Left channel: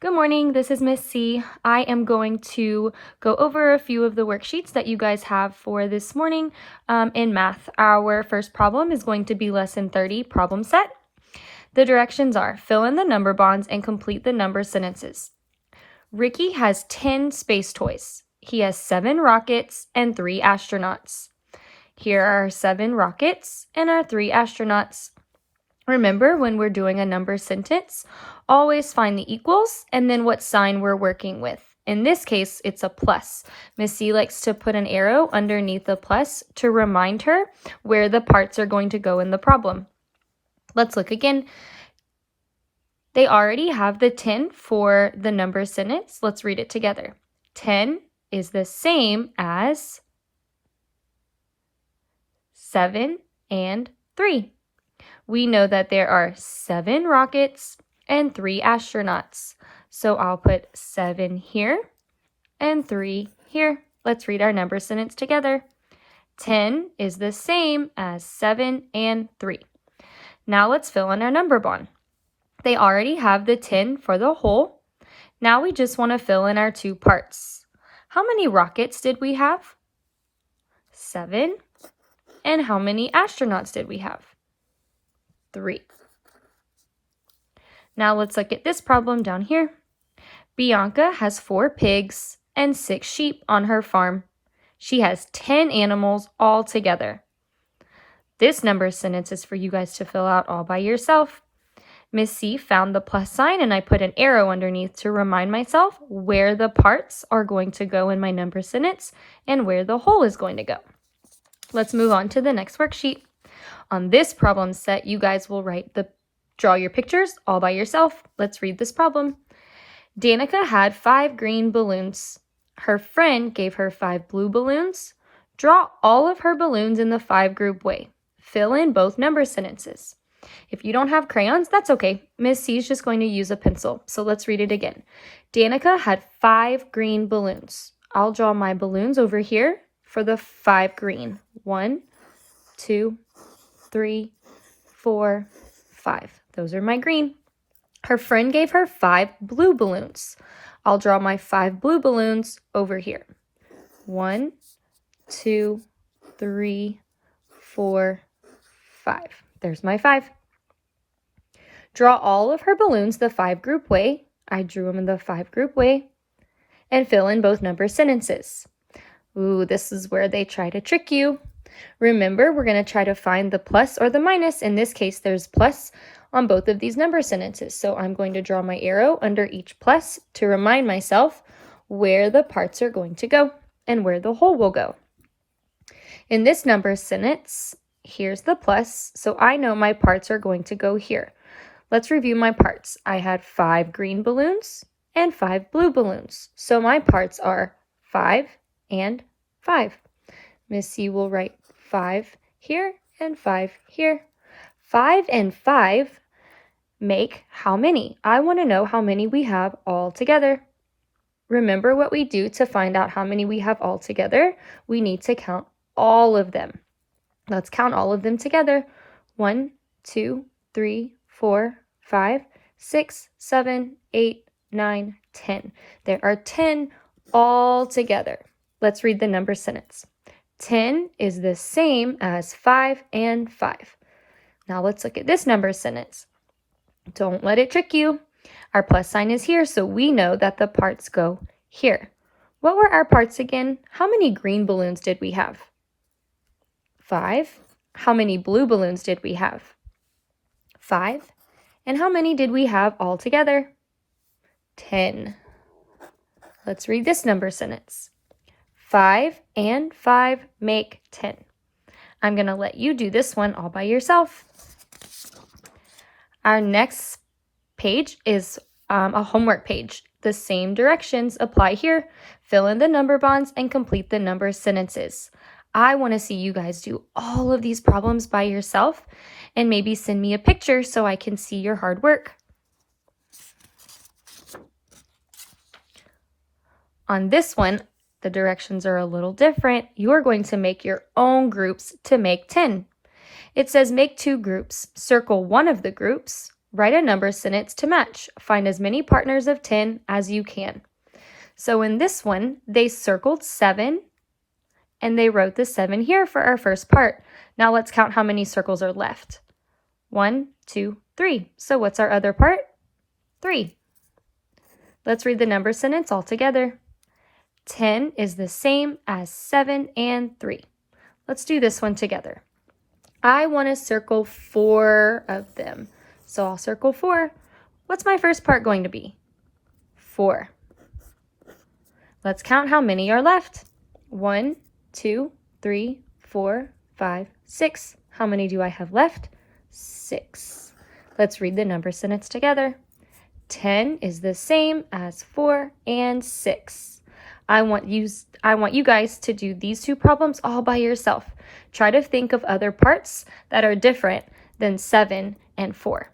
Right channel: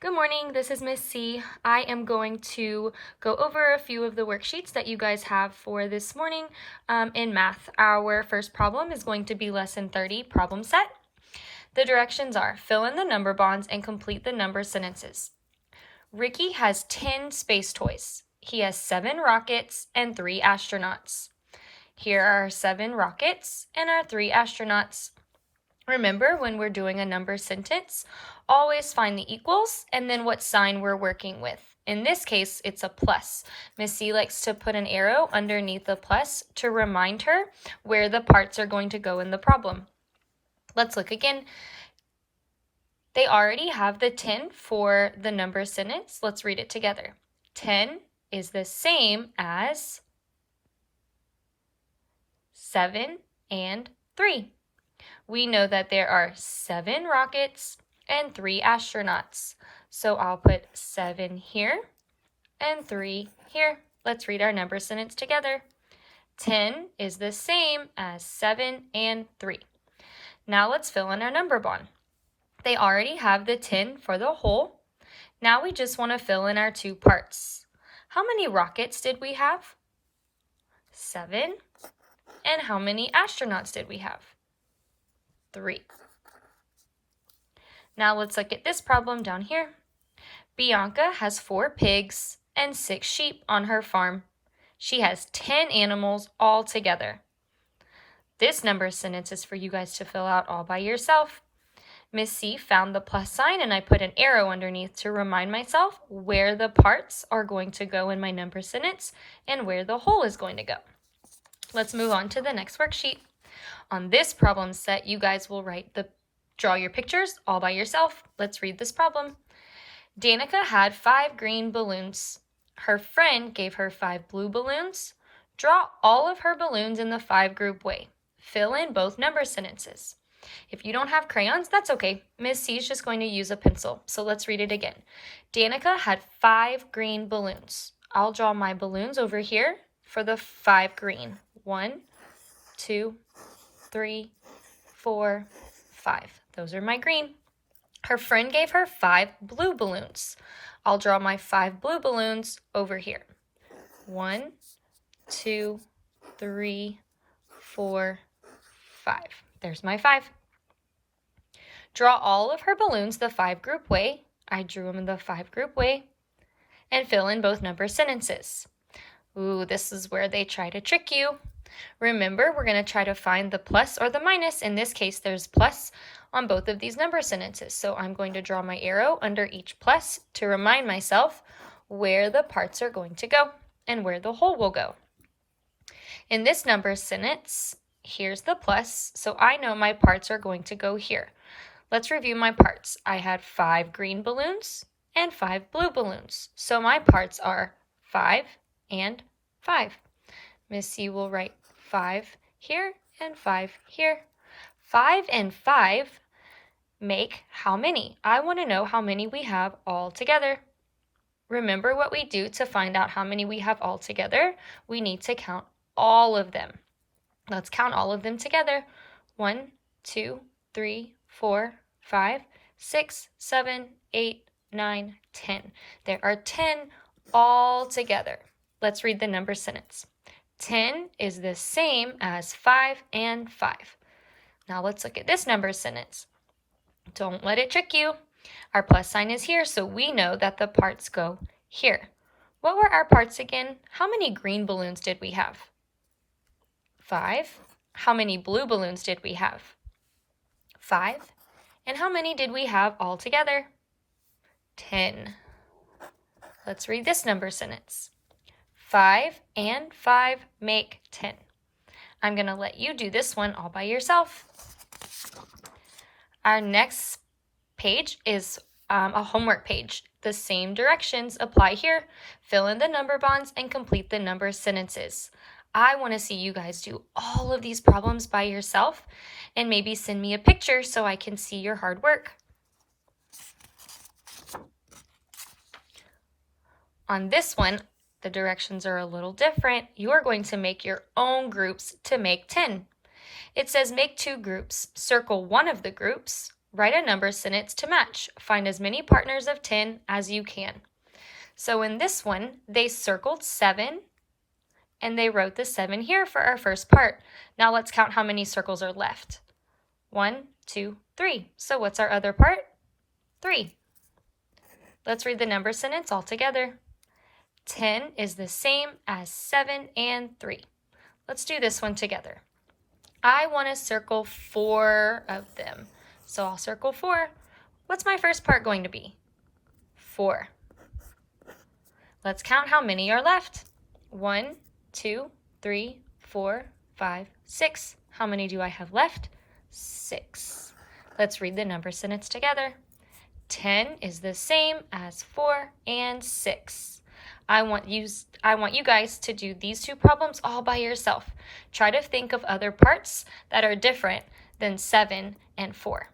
Good morning, this is Miss C. I am going to go over a few of the worksheets that you guys have for this morning in math. Our first problem is going to be lesson 30, problem set. The directions are fill in the number bonds and complete the number sentences. Ricky has 10 space toys. He has 7 rockets and 3 astronauts. Here are our 7 rockets and our 3 astronauts. Remember, when we're doing a number sentence, always find the equals and then what sign we're working with. In this case, it's a plus. Miss C likes to put an arrow underneath the plus to remind her where the parts are going to go in the problem. Let's look again. They already have the 10 for the number sentence. Let's read it together. 10 is the same as 7 and 3. We know that there are 7 rockets and 3 astronauts. So I'll put 7 here and 3 here. Let's read our number sentence together. 10 is the same as 7 and 3. Now let's fill in our number bond. They already have the 10 for the whole. Now we just want to fill in our 2 parts. How many rockets did we have? 7. And how many astronauts did we have? 3. Now let's look at this problem down here. Bianca has 4 pigs and 6 sheep on her farm. She has 10 animals all together. This number sentence is for you guys to fill out all by yourself. Miss C found the plus sign and I put an arrow underneath to remind myself where the parts are going to go in my number sentence and where the whole is going to go. Let's move on to the next worksheet. On this problem set, you guys will draw your pictures all by yourself. Let's read this problem. Danica had 5 green balloons. Her friend gave her 5 blue balloons. Draw all of her balloons in the 5-group way. Fill in both number sentences. If you don't have crayons, that's okay. Miss C is just going to use a pencil. So let's read it again. Danica had 5 green balloons. I'll draw my balloons over here for the 5 green. 1, 2, 3, 4, 5. Those are my green. Her friend gave her 5 blue balloons. I'll draw my 5 blue balloons over here. 1, 2, 3, 4, 5. There's my 5. Draw all of her balloons the 5-group way. I drew them in the 5-group way. And fill in both number sentences. Ooh, this is where they try to trick you. Remember, we're going to try to find the plus or the minus. In this case, there's plus on both of these number sentences. So I'm going to draw my arrow under each plus to remind myself where the parts are going to go and where the whole will go. In this number sentence, here's the plus, so I know my parts are going to go here. Let's review my parts. I had 5 green balloons and 5 blue balloons. So my parts are 5 and 5. Miss C will write 5 here and 5 here. 5 and 5 make how many? I want to know how many we have all together. Remember what we do to find out how many we have all together? We need to count all of them. Let's count all of them together. 1, 2, 3, 4, 5, 6, 7, 8, 9, 10. There are 10 all together. Let's read the number sentence. 10 is the same as 5 and 5. Now let's look at this number sentence. Don't let it trick you. Our plus sign is here, so we know that the parts go here. What were our parts again? How many green balloons did we have? 5. How many blue balloons did we have? 5. And how many did we have all together? 10. Let's read this number sentence. 5 and 5 make 10. I'm going to let you do this one all by yourself. Our next page is a homework page. The same directions apply here. Fill in the number bonds and complete the number sentences. I want to see you guys do all of these problems by yourself and maybe send me a picture so I can see your hard work. On this one, the directions are a little different. You're going to make your own groups to make 10. It says make 2 groups. Circle one of the groups, Write a number sentence to match. Find as many partners of 10 as you can. So in this one, they circled 7 and they wrote the 7 here for our first part. Now let's count how many circles are left. 1, 2, 3. So what's our other part? 3. Let's read the number sentence all together. 10 is the same as 7 and 3. Let's do this one together. I want to circle 4 of them. So I'll circle 4. What's my first part going to be? 4. Let's count how many are left. 1, 2, 3, 4, 5, 6. How many do I have left? 6. Let's read the number sentence together. 10 is the same as 4 and 6. I want you guys to do these two problems all by yourself. Try to think of other parts that are different than 7 and 4.